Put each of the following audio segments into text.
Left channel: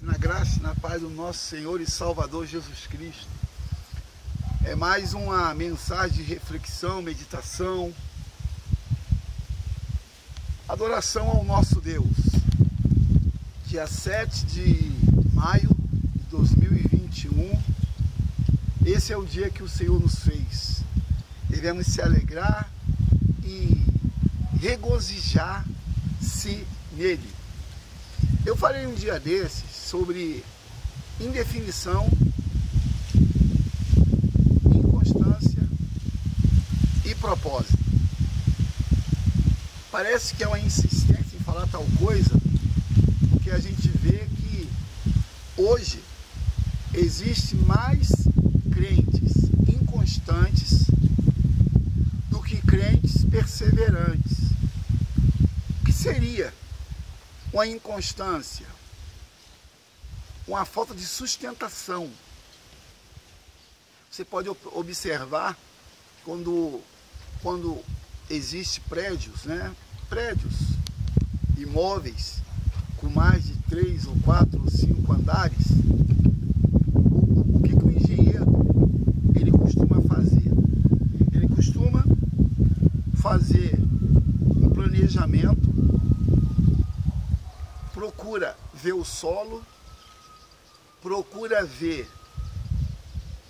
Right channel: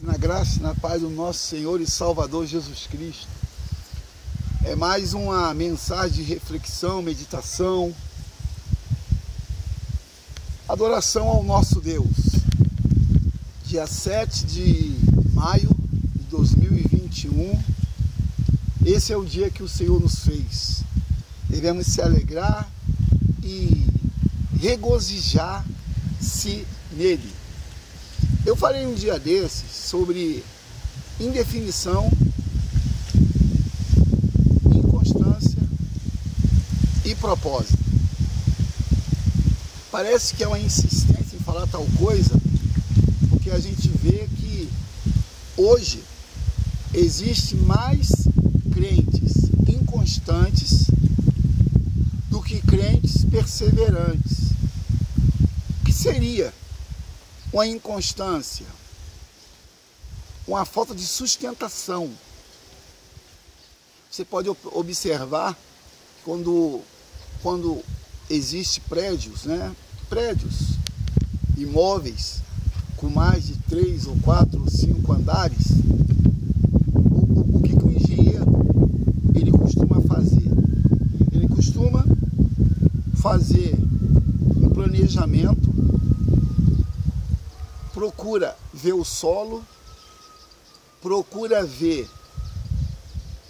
Na graça e na paz do nosso Senhor e Salvador Jesus Cristo. É mais uma mensagem de reflexão, meditação, adoração ao nosso Deus. Dia 7 de maio de 2021, esse é o dia que o Senhor nos fez. Devemos se alegrar e regozijar-se nele. Eu falei um dia desses sobre indefinição, inconstância e propósito. Parece que é uma insistência em falar tal coisa, porque a gente vê que hoje existem mais crentes inconstantes do que crentes perseverantes. O que seria uma inconstância? Uma falta de sustentação. Você pode observar quando existe prédios, prédios, imóveis com mais de 3 ou 4 ou 5 andares, o que o engenheiro ele costuma fazer? Ele costuma fazer um planejamento, procura ver o solo, procura ver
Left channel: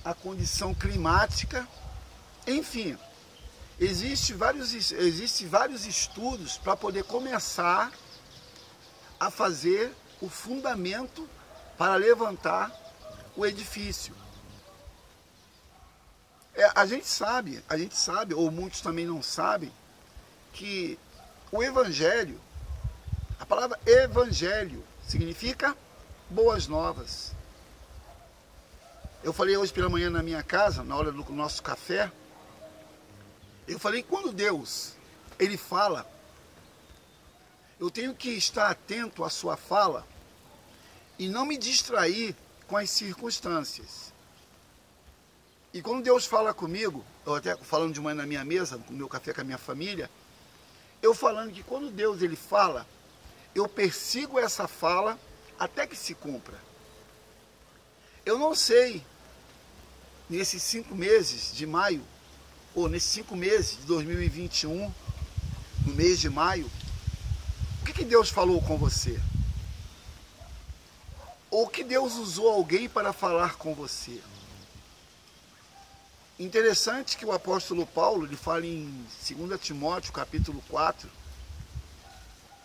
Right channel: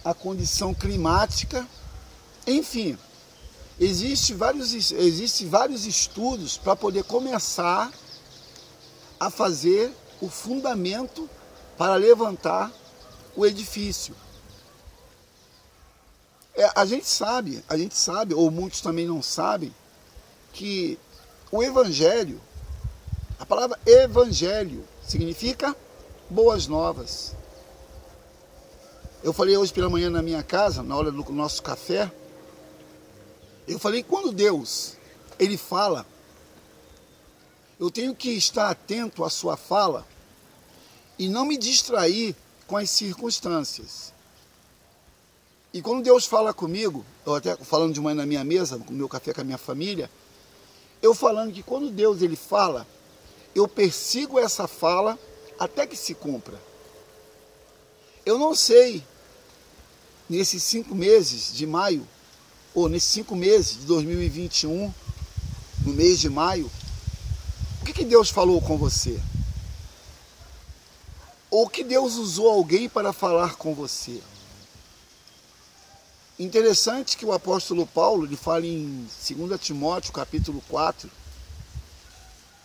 a condição climática, enfim, existem vários estudos para poder começar a fazer o fundamento para levantar o edifício. A gente sabe, ou muitos também não sabem, que o Evangelho, a palavra Evangelho significa boas novas. Eu falei hoje pela manhã na minha casa, na hora do nosso café, eu falei que quando Deus, Ele fala, eu tenho que estar atento à sua fala e não me distrair com as circunstâncias. E quando Deus fala comigo, eu até falando de manhã na minha mesa, no meu café com a minha família, eu falando que quando Deus Ele fala, eu persigo essa fala até que se cumpra. Eu não sei, nesses 5 meses de maio, ou nesses 5 meses de 2021, no mês de maio, o que Deus falou com você? Ou que Deus usou alguém para falar com você? Interessante que o apóstolo Paulo, ele fala em 2 Timóteo, capítulo 4,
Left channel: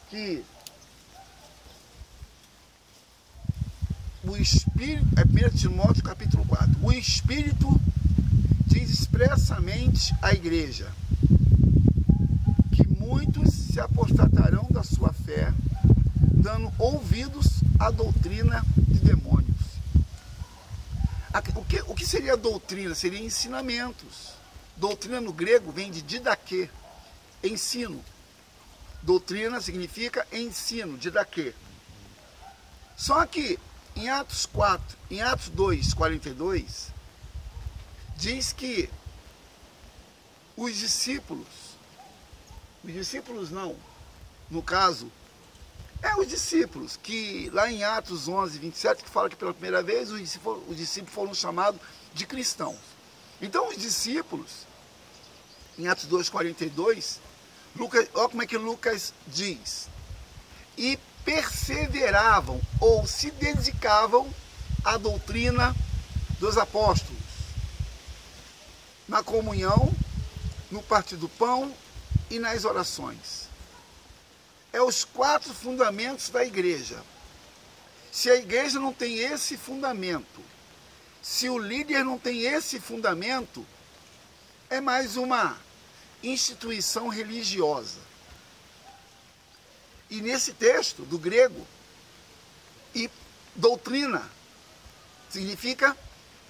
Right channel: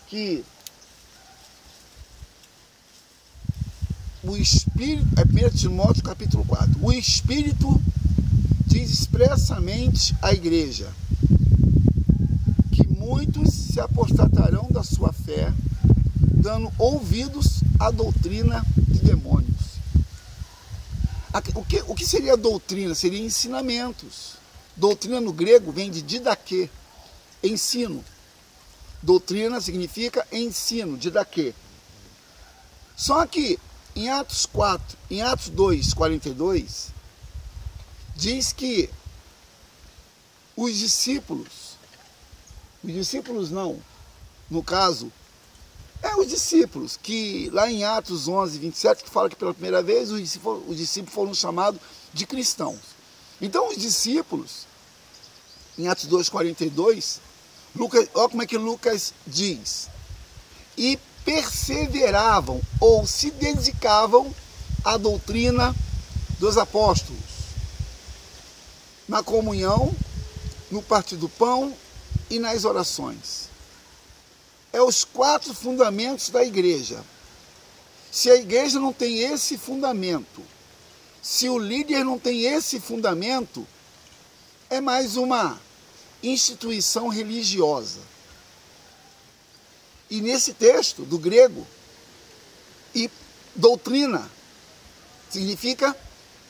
que o Espírito, é 1 Timóteo capítulo 4, o Espírito diz expressamente à igreja que muitos se apostatarão da sua fé, dando ouvidos à doutrina de demônios. O que seria doutrina? Seria ensinamentos. Doutrina no grego vem de didaquê, ensino. Doutrina significa ensino, didaquê. Só que em Atos 2, 42, diz que os discípulos não, no caso, os discípulos, que lá em Atos 11, 27, que fala que pela primeira vez os discípulos foram chamados de cristãos. Então os discípulos, em Atos 2, 42, olha como é que Lucas diz, e perseveravam ou se dedicavam à doutrina dos apóstolos, na comunhão, no partir do pão e nas orações. É os 4 fundamentos da igreja. Se a igreja não tem esse fundamento, se o líder não tem esse fundamento, é mais uma instituição religiosa. E nesse texto do grego, e doutrina significa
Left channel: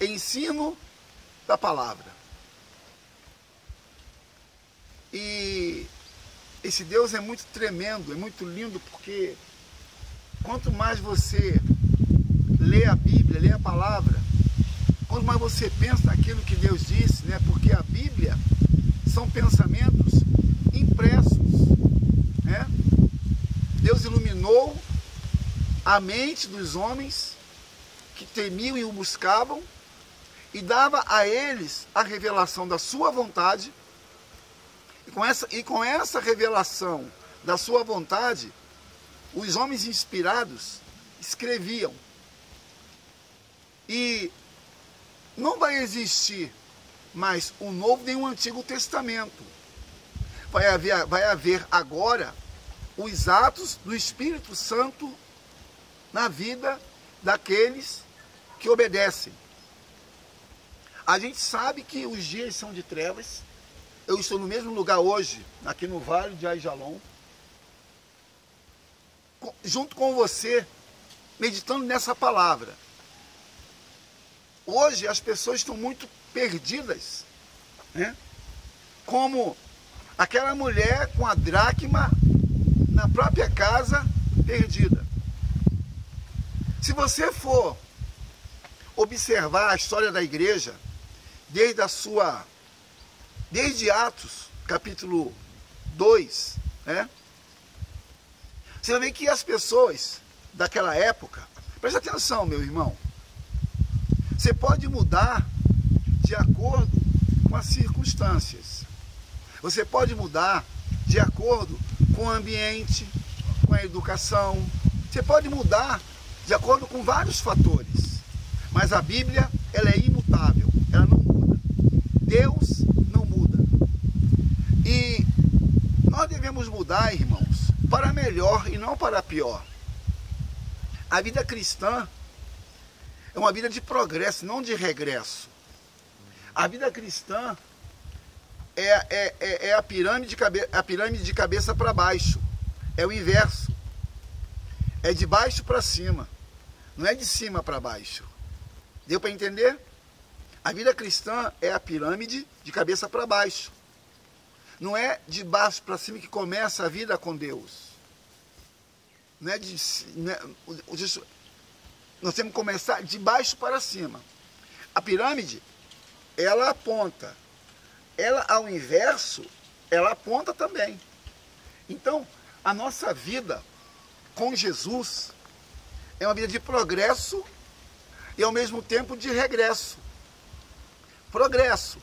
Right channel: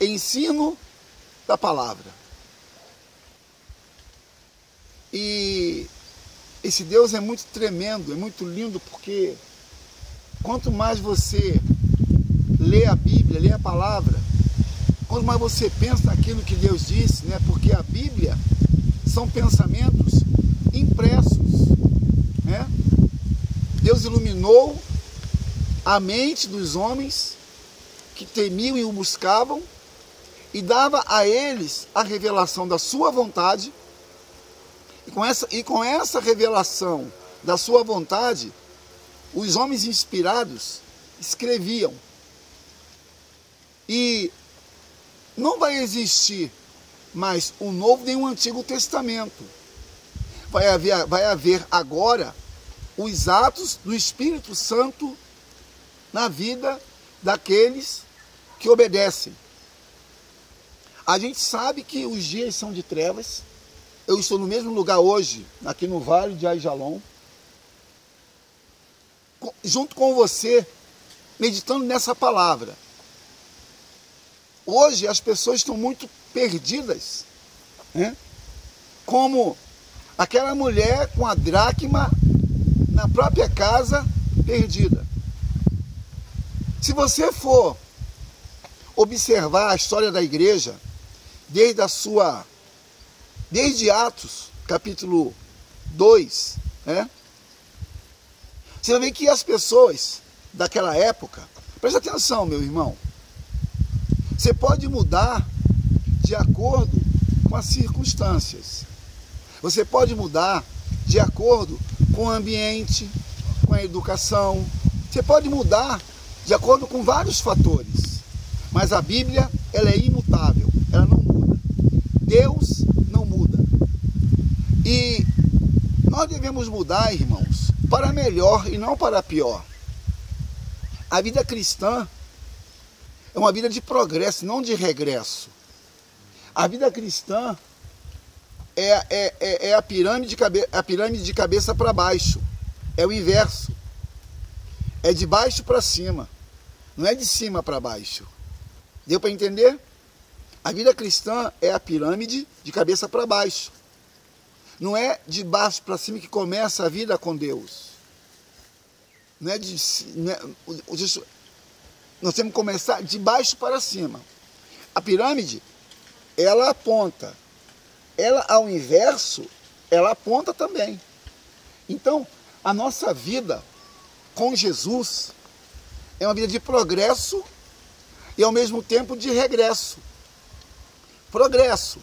ensino da palavra. E esse Deus é muito tremendo, é muito lindo, porque quanto mais você lê a Bíblia, lê a palavra, quanto mais você pensa naquilo que Deus disse, porque a Bíblia são pensamentos impressos, Deus iluminou a mente dos homens que temiam e o buscavam, e dava a eles a revelação da sua vontade, e com essa revelação da sua vontade, os homens inspirados escreviam. E não vai existir mais o Novo nem o Antigo Testamento. Vai haver agora os atos do Espírito Santo na vida daqueles que obedecem. A gente sabe que os dias são de trevas. Eu estou no mesmo lugar hoje, aqui no Vale de Aijalon, junto com você, meditando nessa palavra. Hoje as pessoas estão muito perdidas, né? Como aquela mulher com a dracma na própria casa, perdida. Se você for observar a história da igreja, desde Atos, capítulo 2, né? Você vai ver que as pessoas daquela época, presta atenção, meu irmão, você pode mudar de acordo com as circunstâncias. Você pode mudar de acordo com o ambiente, com a educação. Você pode mudar de acordo com vários fatores. Mas a Bíblia, ela é imutável, ela não muda. Deus não muda. E nós devemos mudar, irmãos, para melhor e não para pior. A vida cristã é uma vida de progresso, não de regresso. A vida cristã é a pirâmide de cabeça para baixo. É o inverso. É de baixo para cima. Não é de cima para baixo. Deu para entender? A vida cristã é a pirâmide de cabeça para baixo. Não é de baixo para cima que começa a vida com Deus. Nós temos que começar de baixo para cima. A pirâmide, ela aponta. Ela, ao inverso, ela aponta também. Então, a nossa vida com Jesus é uma vida de progresso e, ao mesmo tempo, de regresso. Progresso.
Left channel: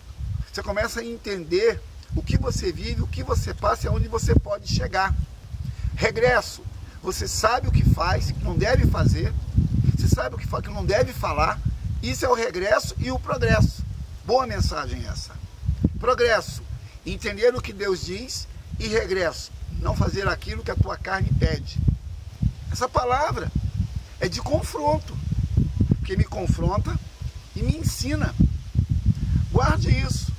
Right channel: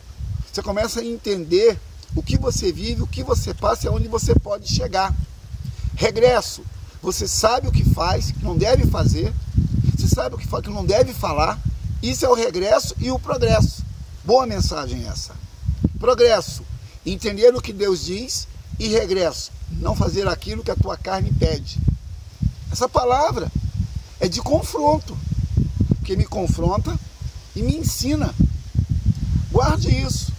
Você começa a entender o que você vive, o que você passa e aonde você pode chegar. Regresso. Você sabe o que faz, que não deve fazer. Você sabe o que faz, que não deve falar. Isso é o regresso e o progresso. Boa mensagem essa. Progresso. Entender o que Deus diz. E regresso. Não fazer aquilo que a tua carne pede. Essa palavra é de confronto. Porque me confronta e me ensina. Guarde isso.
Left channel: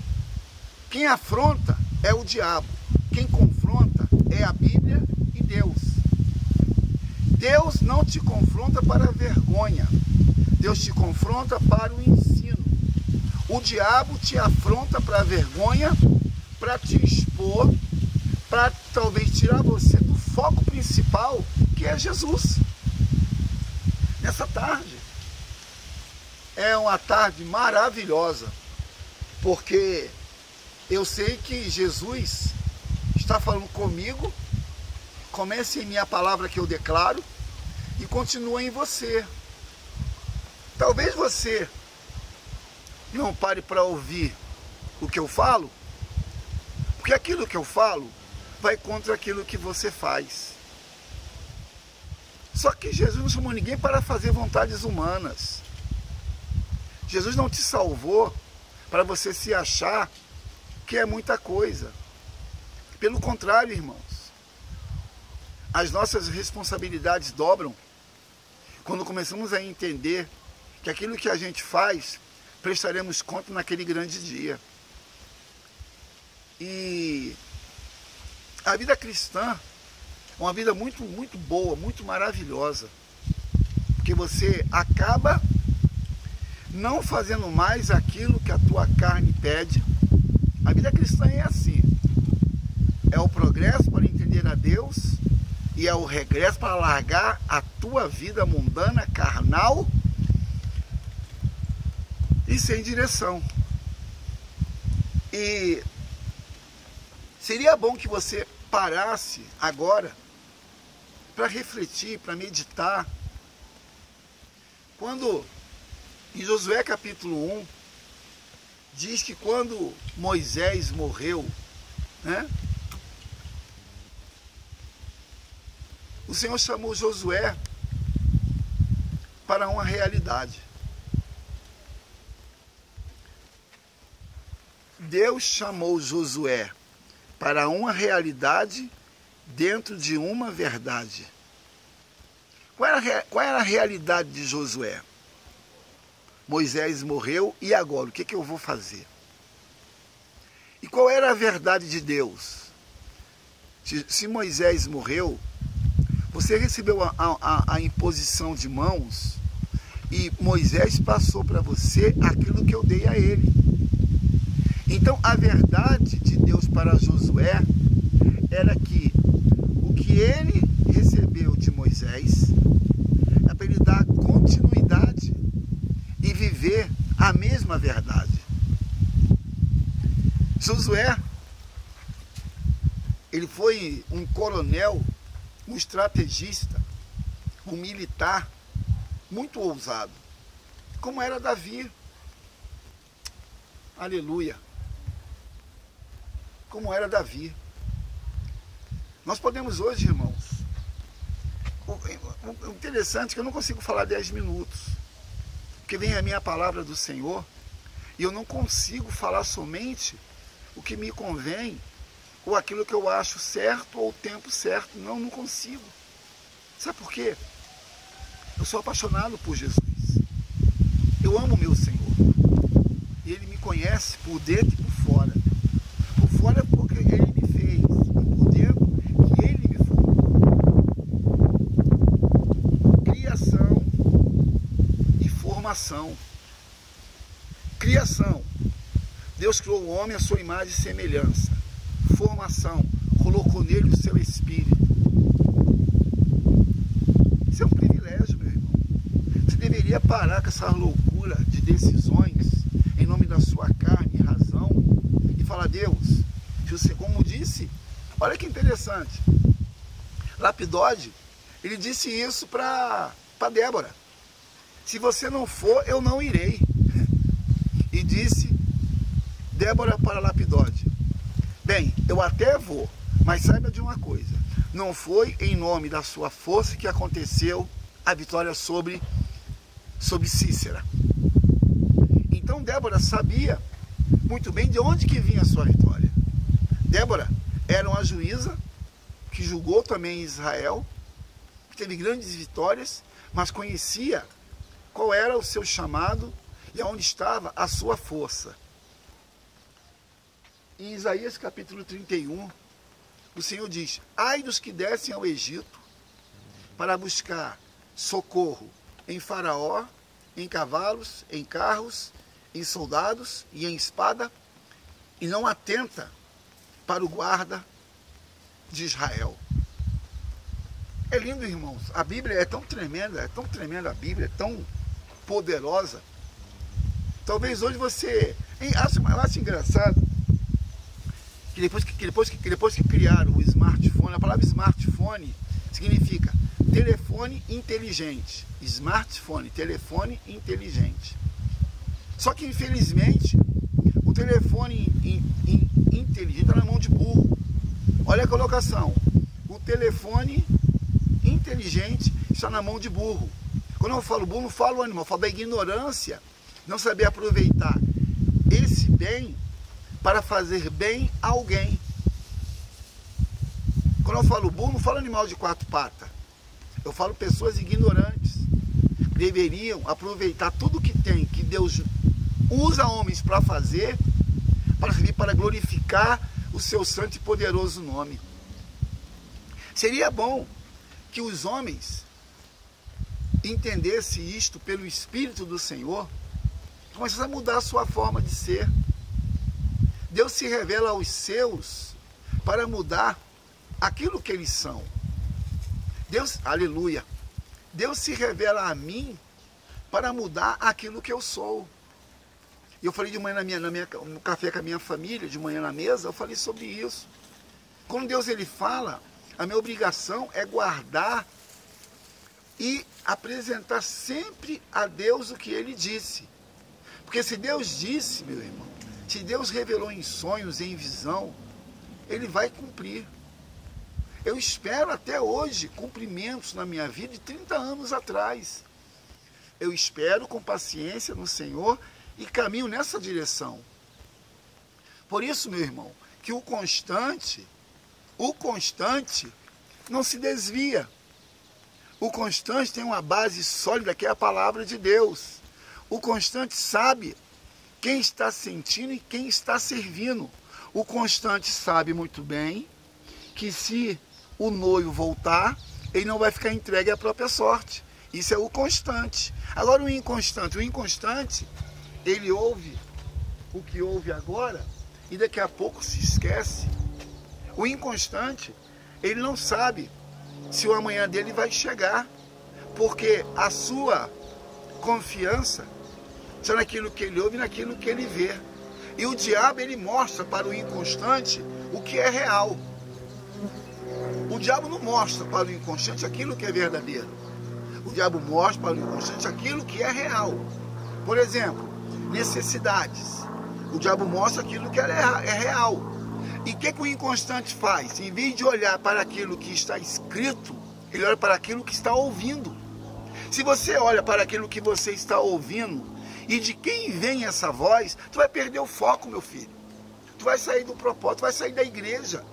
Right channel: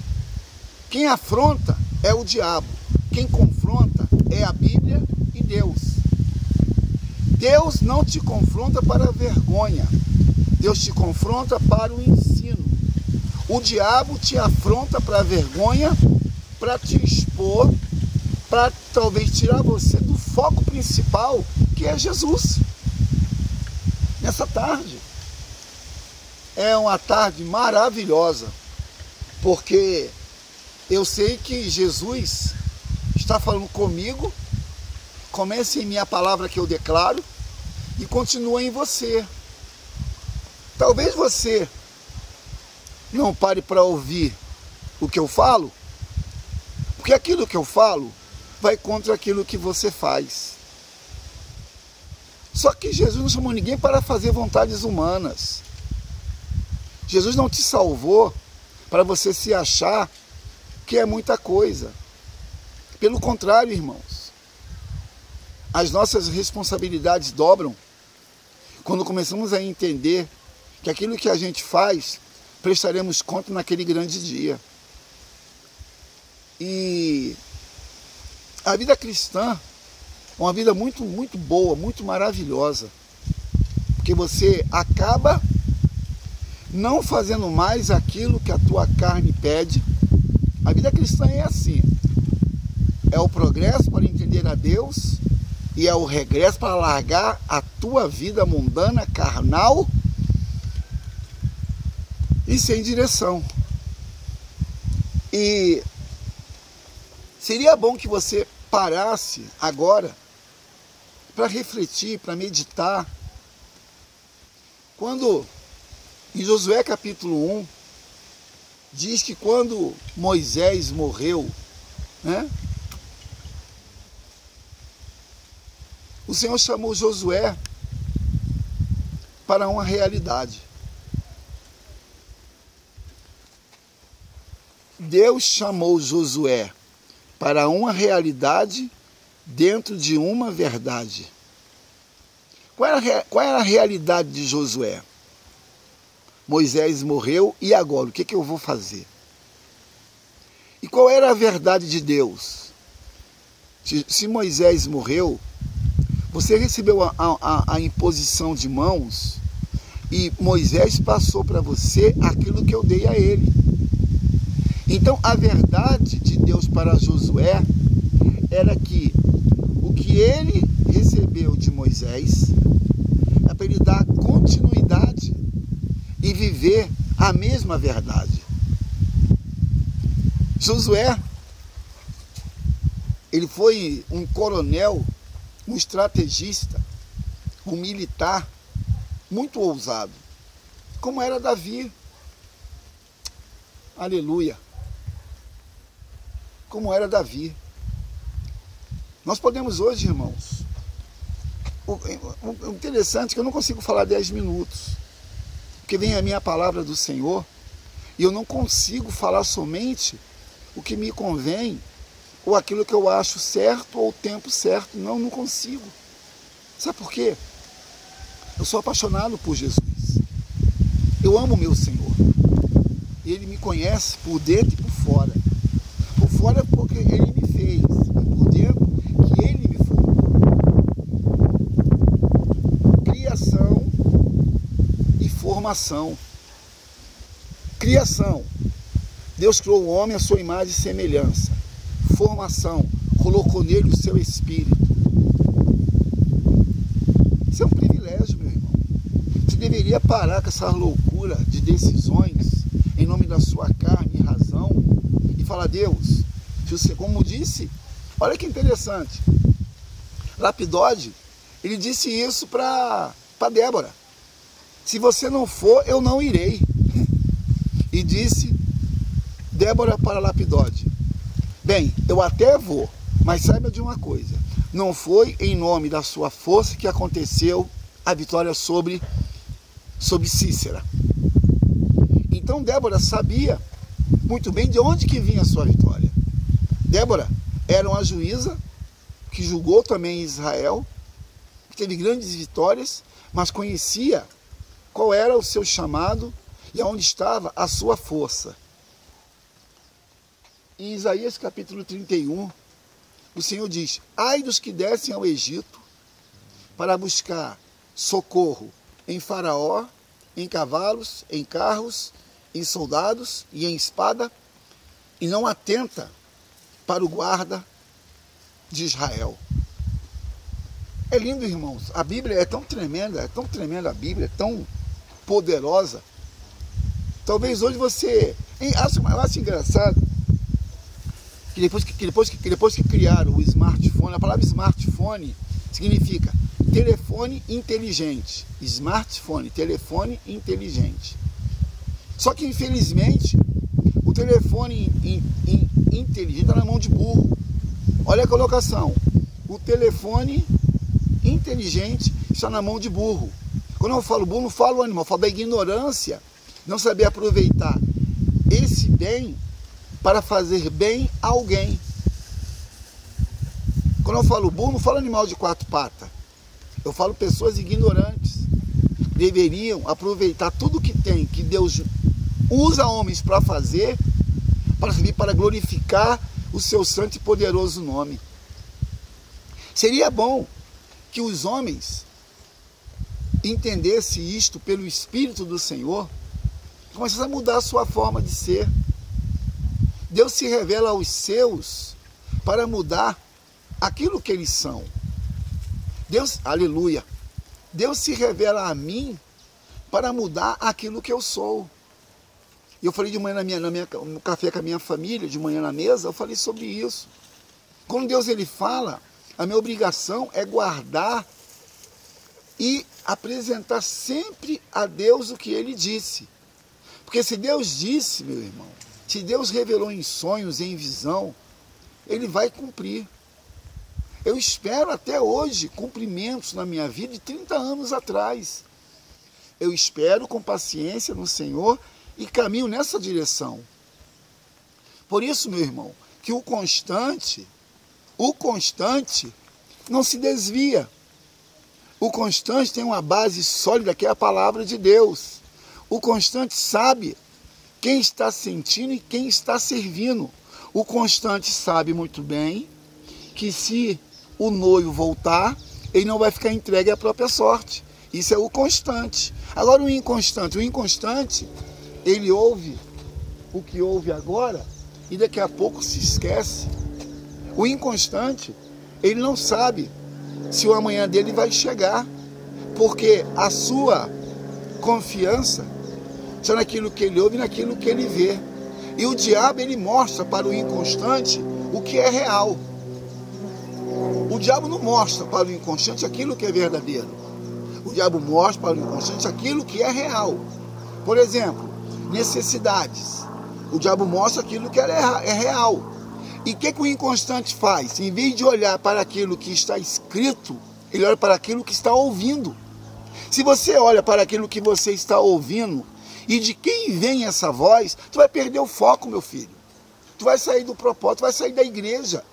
Quem afronta é o diabo. Quem confronta é a Bíblia e Deus. Deus não te confronta para a vergonha. Deus te confronta para o ensino. O diabo te afronta para a vergonha, para te expor, para talvez tirar você do foco principal, que é Jesus. Nessa tarde, é uma tarde maravilhosa, porque eu sei que Jesus está falando comigo, começa em mim a palavra que eu declaro e continua em você. Talvez você não pare para ouvir o que eu falo, porque aquilo que eu falo vai contra aquilo que você faz. Só que Jesus não chamou ninguém para fazer vontades humanas. Jesus não te salvou para você se achar que é muita coisa. Pelo contrário, irmãos, as nossas responsabilidades dobram quando começamos a entender que aquilo que a gente faz, prestaremos conta naquele grande dia. E a vida cristã é uma vida muito, muito boa, muito maravilhosa. Porque você acaba não fazendo mais aquilo que a tua carne pede. A vida cristã é assim. É o progresso para entender a Deus e é o regresso para largar a tua vida mundana, carnal e sem direção. E seria bom que você parasse agora para refletir, para meditar Quando, em Josué capítulo 1, diz que quando Moisés morreu, né, o Senhor chamou Josué para uma realidade. Deus chamou Josué para uma realidade dentro de uma verdade. Qual era a realidade de Josué? Moisés morreu, e agora? O que eu vou fazer? E qual era a verdade de Deus? Se Moisés morreu, você recebeu a imposição de mãos, e Moisés passou para você aquilo que eu dei a ele. Então, a verdade de Deus para Josué era que o que ele recebeu de Moisés é para ele dar continuidade e viver a mesma verdade. Josué, ele foi um coronel, um estrategista, um militar muito ousado, como era Davi. Aleluia! Como era Davi. Nós podemos hoje, irmãos, o interessante é que eu não consigo falar 10 minutos, porque vem a minha palavra do Senhor, e eu não consigo falar somente o que me convém, ou aquilo que eu acho certo, ou o tempo certo. Não consigo. Sabe por quê? Eu sou apaixonado por Jesus. Eu amo o meu Senhor. E Ele me conhece por dentro e por fora. Por fora porque Ele me fez, e por dentro que Ele me formou. Criação e formação. Criação. Deus criou o homem à sua imagem e semelhança. Formação. Colocou nele o seu espírito. Isso é um privilégio, meu irmão. Você deveria parar com essa loucura de decisões em nome da sua carne e razão e falar: Deus, se você, como disse, olha que interessante, Lapidode, ele disse isso para Débora: se você não for, eu não irei. E disse Débora para Lapidode: bem, eu até vou, mas saiba de uma coisa, não foi em nome da sua força que aconteceu a vitória sobre Cícera. Então Débora sabia muito bem de onde que vinha a sua vitória. Débora era uma juíza que julgou também Israel, teve grandes vitórias, mas conhecia qual era o seu chamado e aonde estava a sua força. Em Isaías capítulo 31, o Senhor diz: ai dos que descem ao Egito para buscar socorro em Faraó, em cavalos, em carros, em soldados e em espada, e não atenta para o guarda de Israel. É lindo, irmãos. A Bíblia é tão tremenda a Bíblia, é tão poderosa. Talvez hoje você... Eu acho engraçado que depois que criaram o smartphone, a palavra smartphone significa telefone inteligente. Smartphone, telefone inteligente. Só que, infelizmente, o telefone inteligente está na mão de burro. Olha a colocação. O telefone inteligente está na mão de burro. Quando eu falo burro, não falo animal, eu falo da ignorância, não saber aproveitar esse bem para fazer bem a alguém. Quando eu falo burro, não falo animal de 4 patas. Eu falo pessoas ignorantes. Deveriam aproveitar tudo que tem, que Deus usa homens para fazer, para servir para glorificar o seu santo e poderoso nome. Seria bom que os homens entendessem isto pelo Espírito do Senhor, começassem a mudar a sua forma de ser. Deus se revela aos seus para mudar aquilo que eles são. Deus, aleluia, Deus se revela a mim para mudar aquilo que eu sou. E eu falei de manhã no café com a minha família, de manhã na mesa, eu falei sobre isso. Quando Deus ele fala, a minha obrigação é guardar e apresentar sempre a Deus o que ele disse. Porque se Deus disse, meu irmão, se Deus revelou em sonhos, em visão, ele vai cumprir. Eu espero até hoje cumprimentos na minha vida de 30 anos atrás. Eu espero com paciência no Senhor e caminho nessa direção. Por isso, meu irmão, que o constante não se desvia. O constante tem uma base sólida que é a palavra de Deus. O constante sabe quem está sentindo e quem está servindo. O constante sabe muito bem que se o noivo voltar, ele não vai ficar entregue à própria sorte. Isso é o constante. Agora o inconstante, ele ouve o que ouve agora e daqui a pouco se esquece. O inconstante, ele não sabe se o amanhã dele vai chegar, porque a sua confiança está naquilo que ele ouve e naquilo que ele vê. E o diabo, ele mostra para o inconstante o que é real. O diabo não mostra para o inconstante aquilo que é verdadeiro. O diabo mostra para o inconstante aquilo que é real. Por exemplo, necessidades. O diabo mostra aquilo que é real. E o que o inconstante faz? Em vez de olhar para aquilo que está escrito, ele olha para aquilo que está ouvindo. Se você olha para aquilo que você está ouvindo, e de quem vem essa voz, tu vai perder o foco, meu filho. Tu vai sair do propósito, tu vai sair da igreja.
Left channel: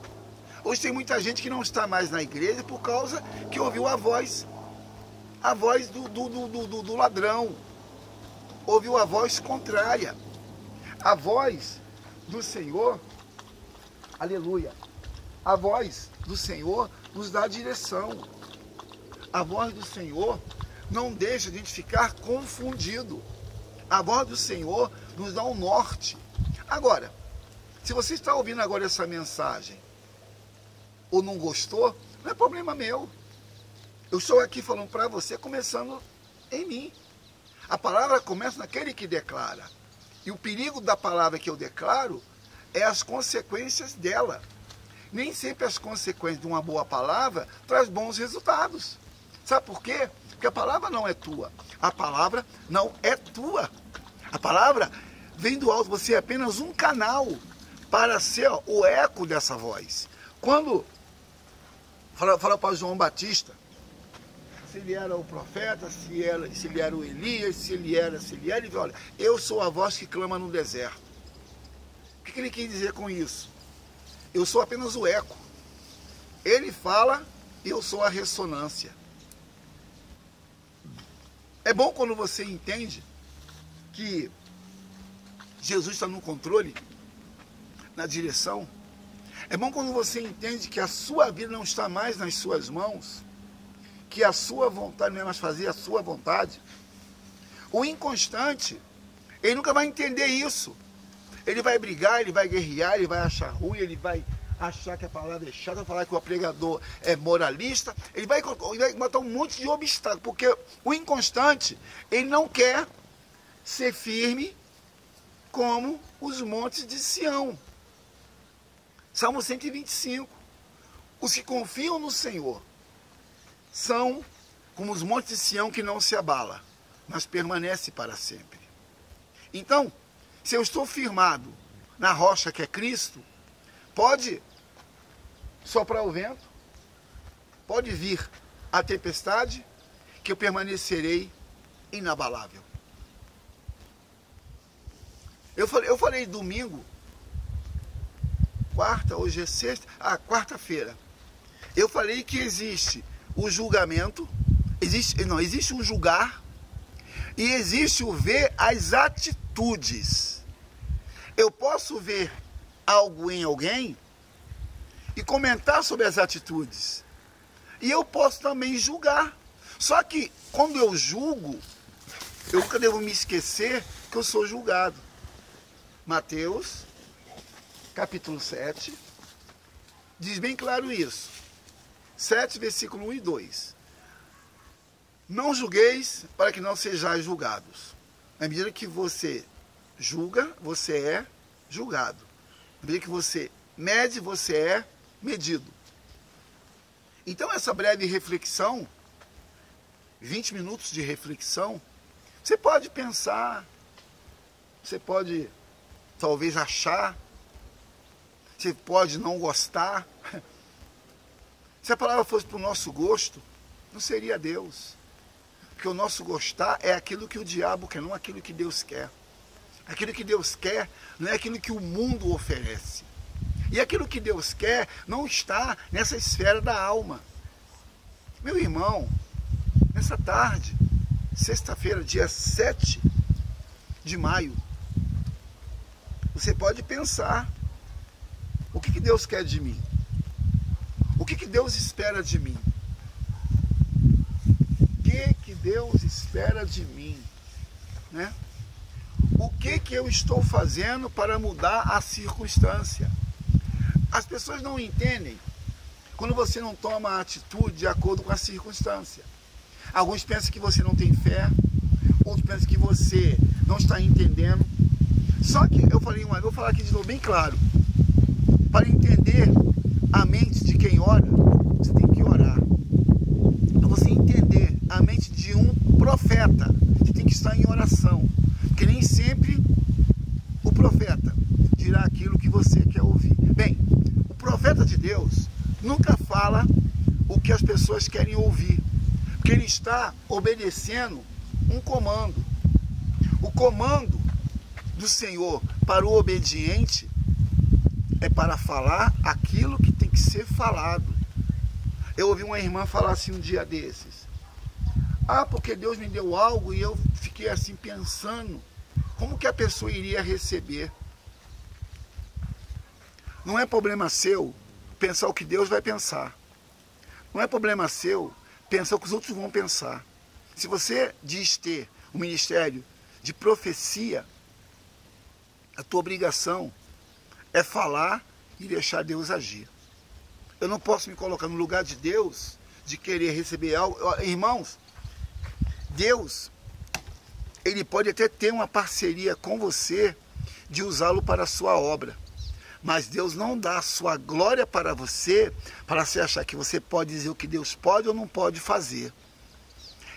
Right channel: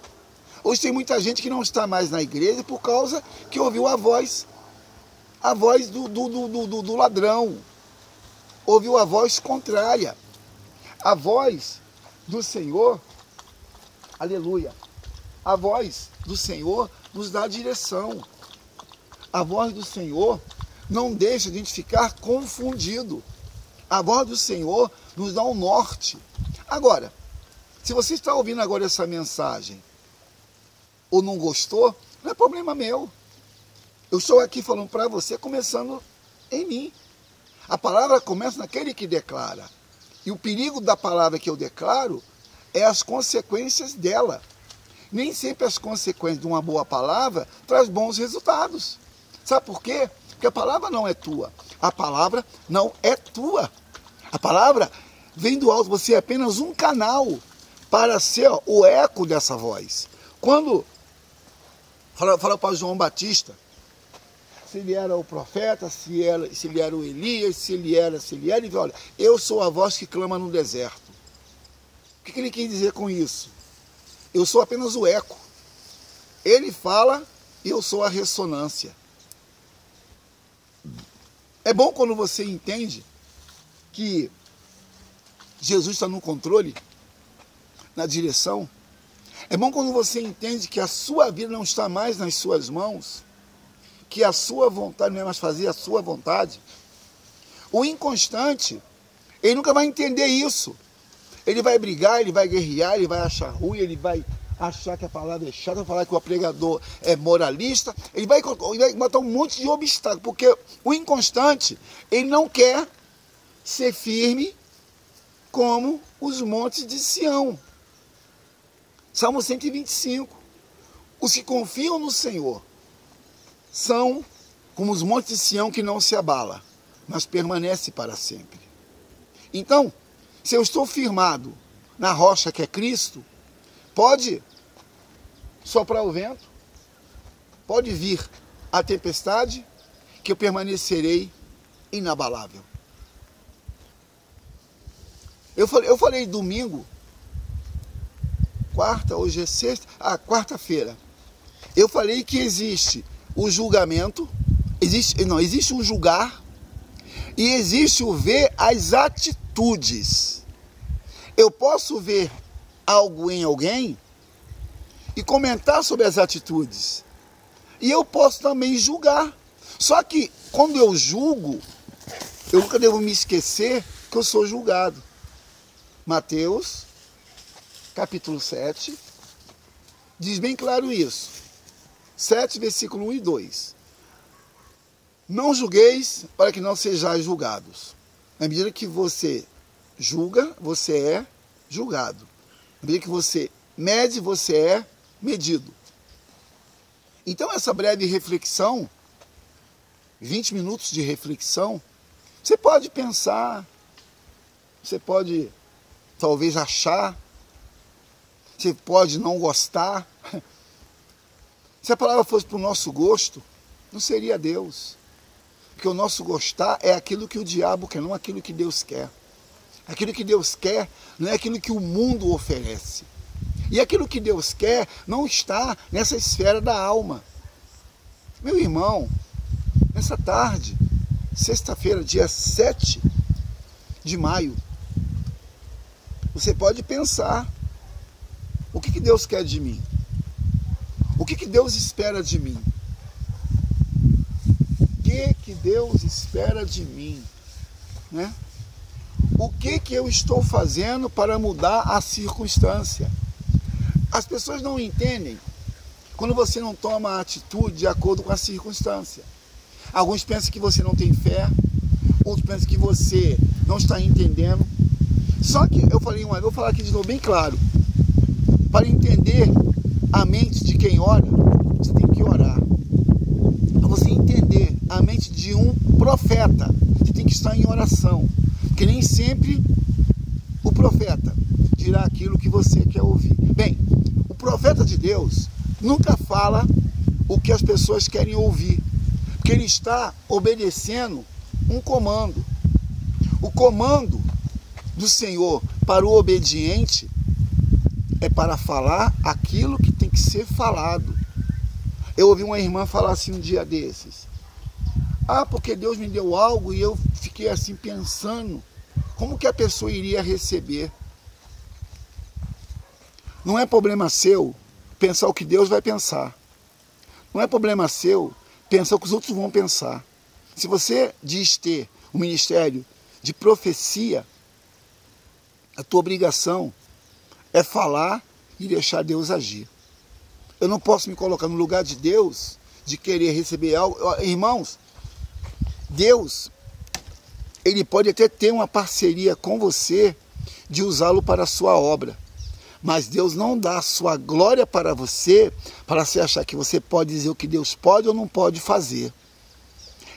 Hoje tem muita gente que não está mais na igreja por causa que ouviu a voz do ladrão. Ouviu a voz contrária. A voz do Senhor, aleluia, a voz do Senhor nos dá direção. A voz do Senhor não deixa a gente ficar confundido. A voz do Senhor nos dá um norte. Agora, se você está ouvindo agora essa mensagem, ou não gostou, não é problema meu. Eu estou aqui falando para você, começando em mim. A palavra começa naquele que declara. E o perigo da palavra que eu declaro é as consequências dela. Nem sempre as consequências de uma boa palavra traz bons resultados. Sabe por quê? Porque a palavra não é tua. A palavra não é tua. A palavra vem do alto. Você é apenas um canal para ser o eco dessa voz. Quando fala para João Batista, se ele era o profeta, se ele era o Elias, se ele era, ele diz, olha, eu sou a voz que clama no deserto. O que ele quer dizer com isso? Eu sou apenas o eco. Ele fala e eu sou a ressonância. É bom quando você entende que Jesus está no controle, na direção. É bom quando você entende que a sua vida não está mais nas suas mãos, que a sua vontade não é mais fazer a sua vontade. O inconstante, ele nunca vai entender isso. Ele vai brigar, ele vai guerrear, ele vai achar ruim, ele vai achar que a palavra é chata, vai falar que o pregador é moralista, ele vai botar um monte de obstáculos, porque o inconstante, ele não quer ser firme como os montes de Sião. Salmo 125. Os que confiam no Senhor são como os montes de Sião que não se abala, mas permanece para sempre. Então, se eu estou firmado na rocha que é Cristo, pode soprar o vento, pode vir a tempestade, que eu permanecerei inabalável. Eu falei domingo, quarta, hoje é sexta, quarta-feira. Eu falei que existe o julgamento, existe o julgar e existe o ver as atitudes. Eu posso ver algo em alguém e comentar sobre as atitudes. E eu posso também julgar. Só que quando eu julgo, eu nunca devo me esquecer que eu sou julgado. Mateus, capítulo 7, diz bem claro isso. 7, versículo 1 e 2. Não julgueis para que não sejais julgados. Na medida que você julga, você é julgado. Na medida que você mede, você é medido. Então essa breve reflexão 20 minutos de reflexão, você pode pensar, você pode talvez achar, você pode não gostar. Se a palavra fosse para o nosso gosto, não seria Deus. Porque o nosso gostar é aquilo que o diabo quer, não aquilo que Deus quer. Aquilo que Deus quer não é aquilo que o mundo oferece. E aquilo que Deus quer não está nessa esfera da alma. Meu irmão, nessa tarde, sexta-feira, dia 7 de maio, você pode pensar, o que Deus quer de mim? O que Deus espera de mim? O que Deus espera de mim? Né? O que eu estou fazendo para mudar a circunstância? As pessoas não entendem quando você não toma a atitude de acordo com a circunstância. Alguns pensam que você não tem fé, outros pensam que você não está entendendo. Só que eu vou falar aqui de novo bem claro. Para entender a mente de quem ora, você tem que orar. Para você entender a mente de um profeta, você tem que estar em oração. Porque nem sempre o profeta dirá aquilo que você quer ouvir. Bem, o profeta de Deus nunca fala o que as pessoas querem ouvir. Porque ele está obedecendo um comando. O comando do Senhor para o obediente é para falar aquilo que tem que ser falado. Eu ouvi uma irmã falar assim um dia desses. Porque Deus me deu algo e eu fiquei assim pensando, como que a pessoa iria receber? Não é problema seu pensar o que Deus vai pensar. Não é problema seu pensar o que os outros vão pensar. Se você diz ter um ministério de profecia, a tua obrigação é falar e deixar Deus agir. Eu não posso me colocar no lugar de Deus, de querer receber algo. Irmãos, Deus, Ele pode até ter uma parceria com você de usá-lo para a sua obra. Mas Deus não dá a sua glória para você, para você achar que você pode dizer o que Deus pode ou não pode fazer.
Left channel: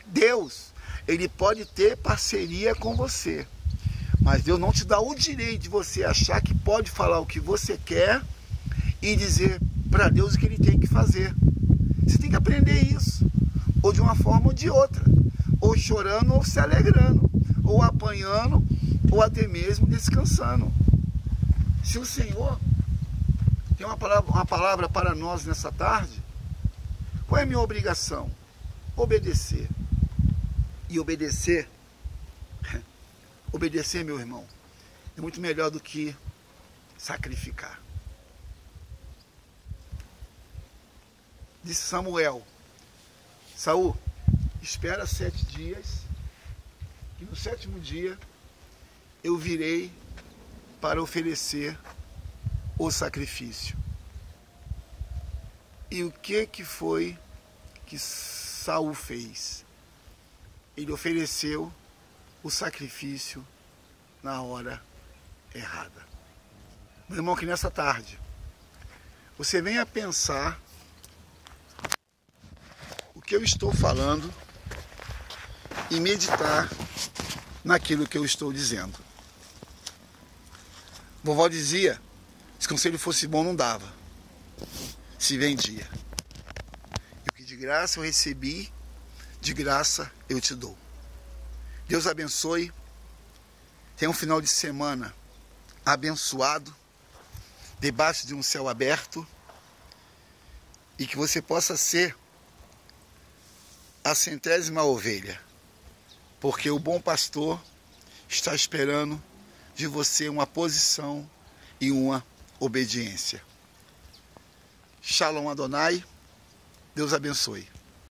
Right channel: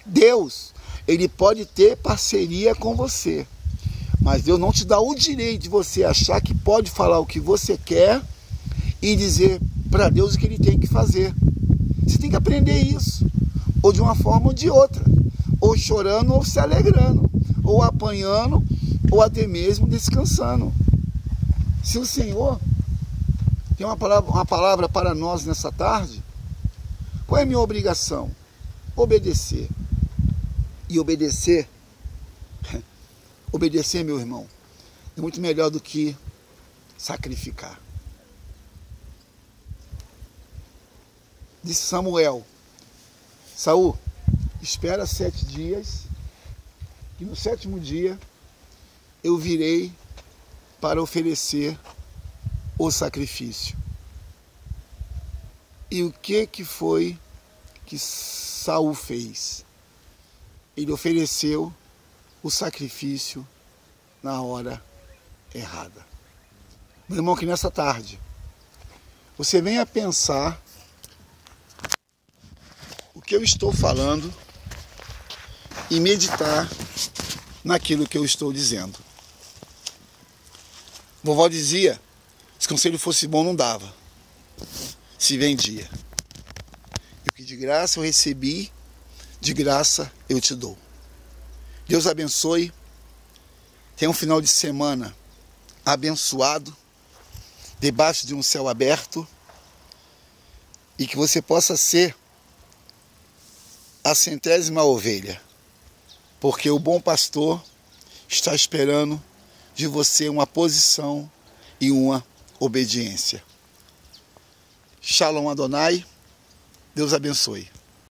Deus, Ele pode ter parceria com você. Mas Deus não te dá o direito de você achar que pode falar o que você quer e dizer para Deus o que Ele tem que fazer. Você tem que aprender isso, ou de uma forma ou de outra, ou chorando ou se alegrando, ou apanhando, ou até mesmo descansando. Se o Senhor tem uma palavra para nós nessa tarde, qual é a minha obrigação? Obedecer. E obedecer, meu irmão, é muito melhor do que sacrificar. Disse Samuel: Saul, espera 7 dias, e no 7º dia eu virei para oferecer o sacrifício. E o que foi que Saul fez? Ele ofereceu o sacrifício na hora errada. Meu irmão, que nessa tarde você venha pensar o que eu estou falando e meditar naquilo que eu estou dizendo. Vovó dizia, se conselho fosse bom não dava, se vendia. E o que de graça eu recebi, de graça eu te dou. Deus abençoe. Tenha um final de semana abençoado, debaixo de um céu aberto, e que você possa ser a 100ª ovelha, porque o bom pastor está esperando de você uma posição e uma obediência. Shalom Adonai, Deus abençoe.